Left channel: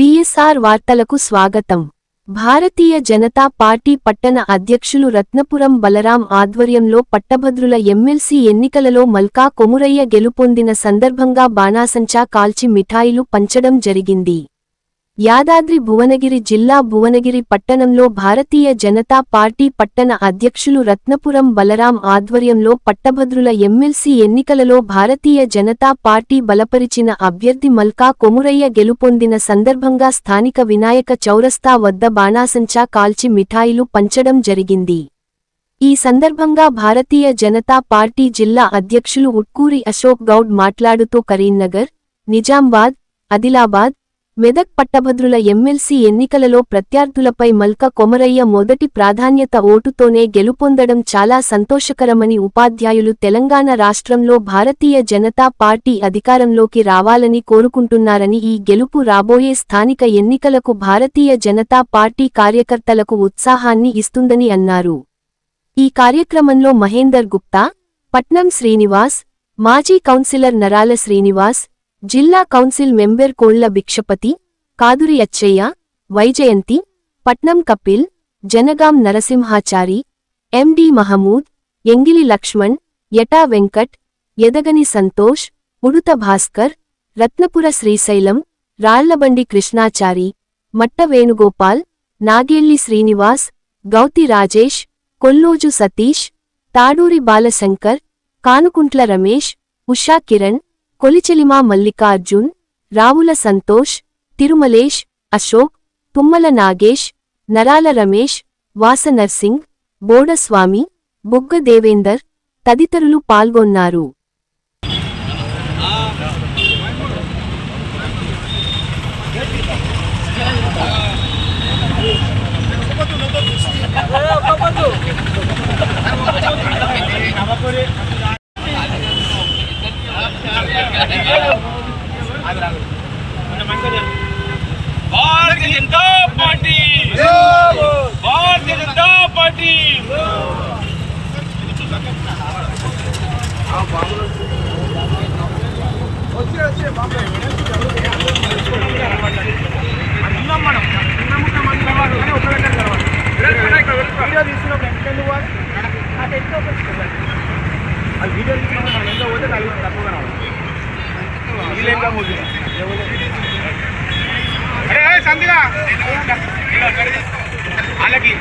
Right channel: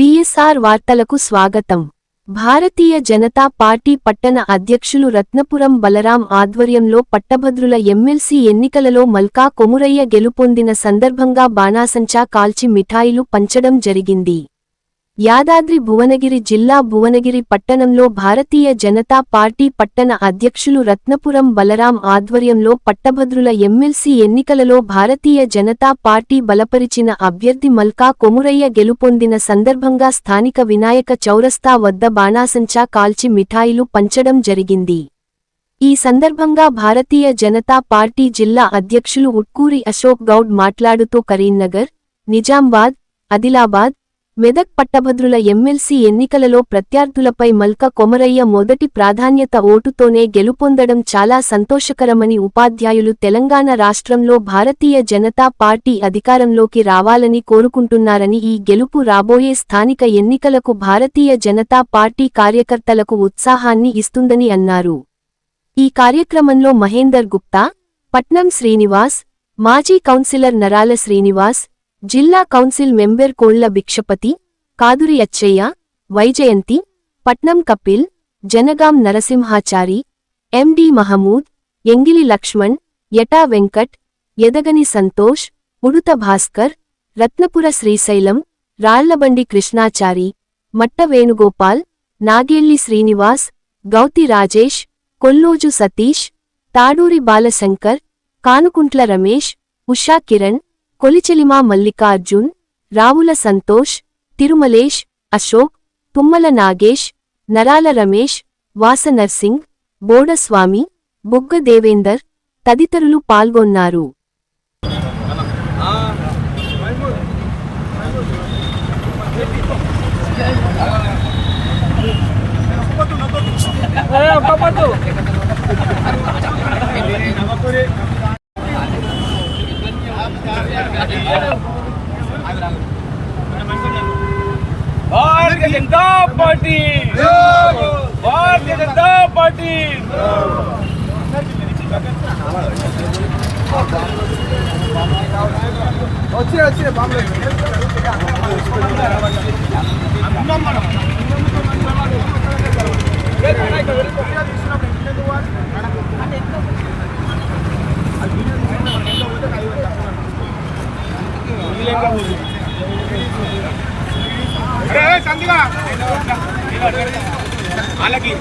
BSR వార్తలకు స్వాగతం. Bharatiya Janata party పట్టణ అధ్యక్షులు రత్నపురం బలరాం ఆధ్వర్యంలో పట్టభద్రుల ఎమ్మెల్సీ ఎన్నికలలో మల్కా కొమురయ్య గెలుపొందిన సందర్భంగా బాణాసంచా కాల్చి మిఠాయిలు పంచడం జరిగింది. యాదాద్రి భువనగిరి జిల్లా భువనగిరి పట్టణంలో భారతీయ జనతా పార్టీ పట్టణ అధ్యక్షులు రత్నపురం బలరాం ఆధ్వర్యంలో పట్టభద్రుల ఎమ్మెల్సీ ఎన్నికలలో భారతీయ జనతా పార్టీ బలపరిచిన అభ్యర్థి మల్కా కొమురయ్య గెలుపొందిన సందర్భంగా స్థానిక వినాయక చౌరస్తా వద్ద బాణాసంచా కాల్చి మిఠాయిలు పంచడం జరిగింది. ఈ సందర్భంగా భారతీయ జనతా పార్టీ జిల్లా అధ్యక్షులు ఉట్కూరి అశోక్ గౌడ్ మాట్లాడుతూ కరీంనగర్, నిజామాబాద్, ఆదిలాబాద్, మెదక్ పట్టభద్రుల ఎమ్మెల్సీ ఎన్నికలలో ప్రత్యర్థులపై మల్కా కొమరయ్య మొదటి ప్రాధాన్యత ఓటుతోనే గెలుపొందడం చాలా సంతోషకరమని, ఉపాధ్యాయులు తెలంగాణ రాష్ట్రంలో భారతీయ జనతా పార్టీ అధికారంలోకి రావాలని కోరుకుంటున్నారని, ఈ గెలుపు రాబోయే స్థానిక ఎన్నికలకు భారతీయ జనతా పార్టీ కార్యకర్తలకు ఉత్సాహాన్ని ఇస్తుందని అన్నారు. ఈ కార్యక్రమంలో మహేందర్ గుప్తా, పట్నం శ్రీనివాస్, మాజీ కౌన్సిలర్ నరాల శ్రీనివాస్, జిల్లా కౌన్సిల్ మెంబర్ కోళ్ల భిక్షపతి, కాదురి అచ్చయ్య, వైజయంతి, పట్నం కపిల్, జనగాం నరసింహాచారి, ఎండి మహమూద్, ఎంగిలి లక్ష్మణ్, యటా వెంకట్, యదగని సంతోష్, ఉడుత భాస్కర్, రత్నపుర శ్రీశైలం, రాళ్లబండి కృష్ణాచారి, మట్ట వేణుగోపాల్, నాగేళ్లి శ్రీనివాస్, గౌతి రాజేష్, కొల్లోజు సతీష్, తాడూరి బాలశంకర్, కానుకుంట్ల రమేష్, ఉషా కిరణ్, కొలిచెలిమా మల్లికార్జున్, రావుల సంతోష్, తిరుమలేష్, అశోక్, తుమ్మల నాగేష్, నరాల రమేష్, వాస నర్సింగ్, బోడస్వామి, బుగ్గ దేవేందర్ తదితరులు పాల్గొన్నారు. Bharatiya Janata party, Bharatiya Janata party. अरे संदिगा अलगी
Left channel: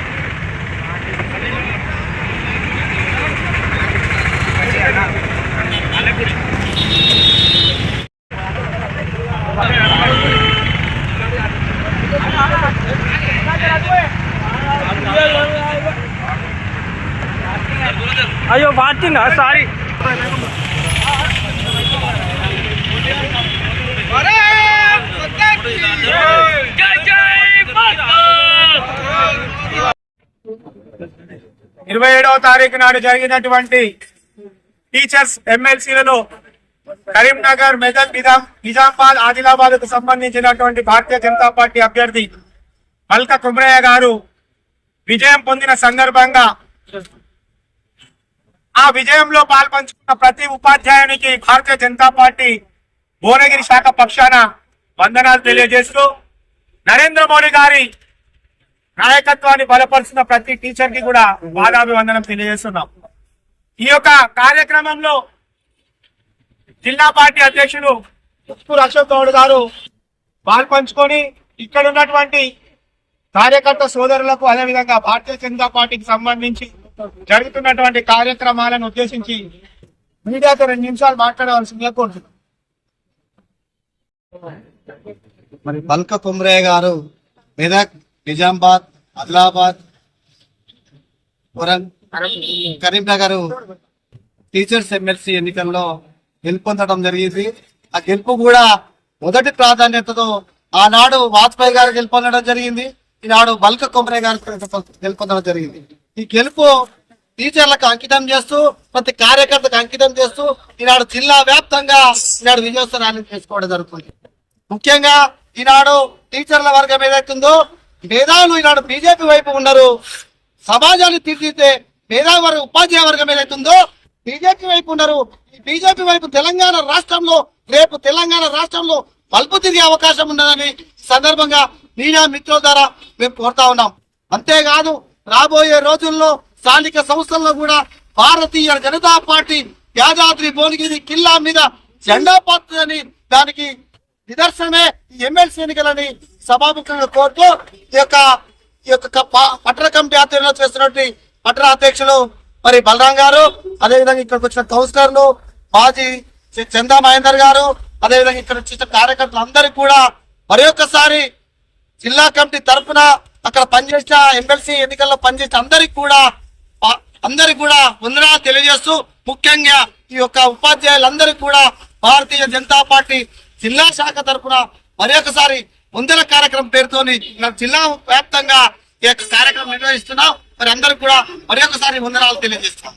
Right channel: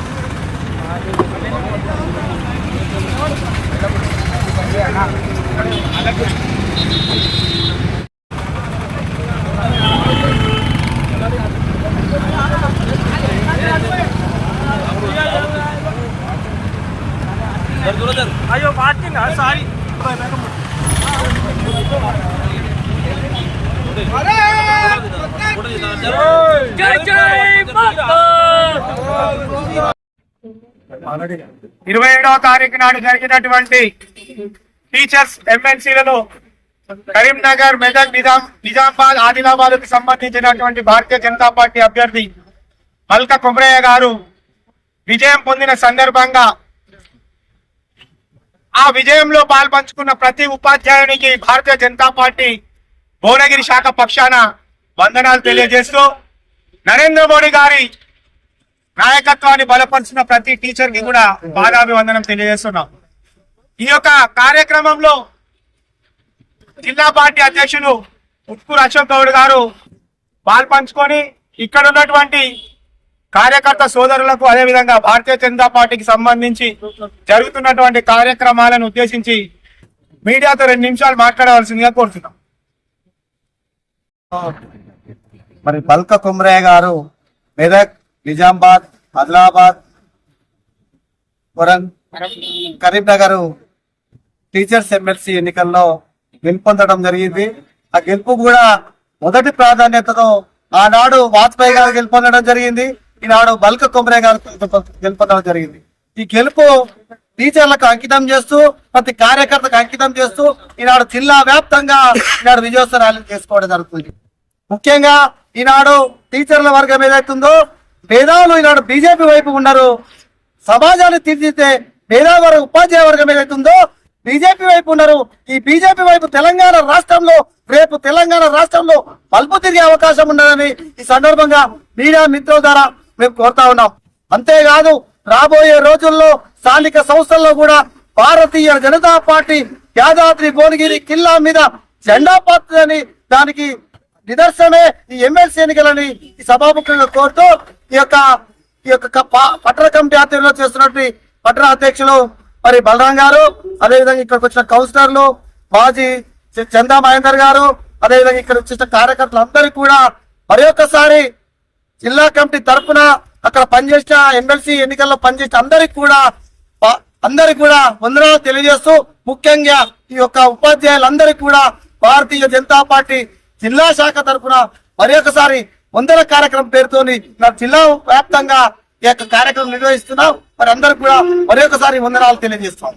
अलग 27వ తారీఖు నాడు జరిగినటువంటి టీచర్స్ ఎమ్మెల్సీలలో కరీంనగర్, మెదక్, నిజామాబాద్, ఆదిలాబాద్ కు సంబంధించినటువంటి భారతీయ జనతా పార్టీ అభ్యర్థి మల్కా కొమరయ్య గారు విజయం పొందిన సందర్భంగా ఆ విజయంలో పాల్పంచుకున్న ప్రతి ఉపాధ్యాయునికి భారతీయ జనతా పార్టీ భువనగిరి శాఖ పక్షాన వందనాలు తెలియజేస్తూ, నరేంద్ర మోడీ గారి నాయకత్వాన్ని బలపరుచున్న ప్రతి టీచర్ కి కూడా పాదాభివందనం తెలియజేస్తున్నాం. ఈ యొక్క కార్యక్రమంలో జిల్లా పార్టీ అధ్యక్షులు ఉట్కూరి అశోక్ గౌడ్ గారు పాల్పంచుకొని ఇక్కడ ఉన్నటువంటి కార్యకర్త సోదరులకు, అదేవిధంగా భారతీయ జనతా పార్టీకి సంబంధించి జరుగుతున్నటువంటి కార్యక్రమాలను ఉద్దేశించి మీడియాతో 2 నిమిషాలు మాట్లాడవలసిందిగా కోరుతున్నాం. మరి మల్కా కొమరయ్య గారు మెదక్, నిజామాబాద్, ఆదిలాబాద్, కరీంనగర్ టీచర్స్ ఎమ్మెల్సీ ఎన్నికల్లో గెలుపొందడం జరిగింది. ఆ గెలుపు కూడా మొదటి ప్రాధాన్యతతో ఆనాడు వాజ్పేయి గారు గెలుపొందడం జరిగింది, ఈనాడు మల్కా కొమరయ్య గారు గెలుపొందడం జరిగింది. ఈ గెలుపు టీచర్లకు అంకితం చేస్తూ, ప్రతి కార్యకర్తకు అంకితం చేస్తూ ఈనాడు జిల్లా వ్యాప్తంగా ఈనాడు విజయోత్సవ ర్యాలీ చేసుకోవడం జరుగుతుంది. ముఖ్యంగా ఈనాడు టీచర్ల వర్గం ఏదైతుందో భేదాలు ఈనాడు బీజేపీ వైపు ఉన్నారు. సమాజాన్ని తీర్చితే ఉపాధ్యాయ వర్గం ఏదైతుందో బీజేపీ వైపు ఉన్నారు. ఈ బీజేపీ వైపు తెలంగాణ రాష్ట్రంలో రేపు తెలంగాణ రాష్ట్రంలో మలుపు తిరిగే అవకాశం ఉండదని ఈ సందర్భంగా మీడియా మిత్రుల ద్వారా మేము కోరుతా ఉన్నాం. అంతేకాదు రాబోయే రోజుల్లో స్థానిక సంస్థల్లో కూడా భారతీయ జనతా పార్టీ యాదాద్రి భువనగిరి కిల్లా మీద జెండా పాతుదని దానికి నిదర్శనమే ఈ ఎమ్మెల్సీ ఎన్నికలని ఈ సభాముఖంగా కోరుతూ ఈ యొక్క పట్టణ కమిటీ ఆధ్వర్యంలో చేస్తున్నటువంటి పట్టణ అధ్యక్షులు మరి బలరాం గారు, అదేవిధంగా ఇక్కడికి వచ్చిన కౌన్సిలర్లు మాజీ చందా మహేందర్ గారు, అదేవిధంగా ఇక్కడ వచ్చిన కార్యకర్తలందరికీ కూడా మరి ఒక్కసారి జిల్లా కమిటీ తరఫున అక్కడ పనిచేసిన ఎమ్మెల్సీ ఎన్నికల్లో పనిచేసిన అందరికి కూడా వందనాలు తెలియజేస్తూ, ముఖ్యంగా ఈ యొక్క ఉపాధ్యాయులందరికీ కూడా భారతీయ జనతా పార్టీ జిల్లా శాఖ తరఫున మరి ఒకసారి వందల కార్యక్రమం పేరుతోని జిల్లా వ్యాప్తంగా ఈ యొక్క కార్యక్రమం నిర్వహిస్తున్నాం. మరి అందరికి కూడా మరి ఒకసారి వందనాలు తెలియజేస్తాం.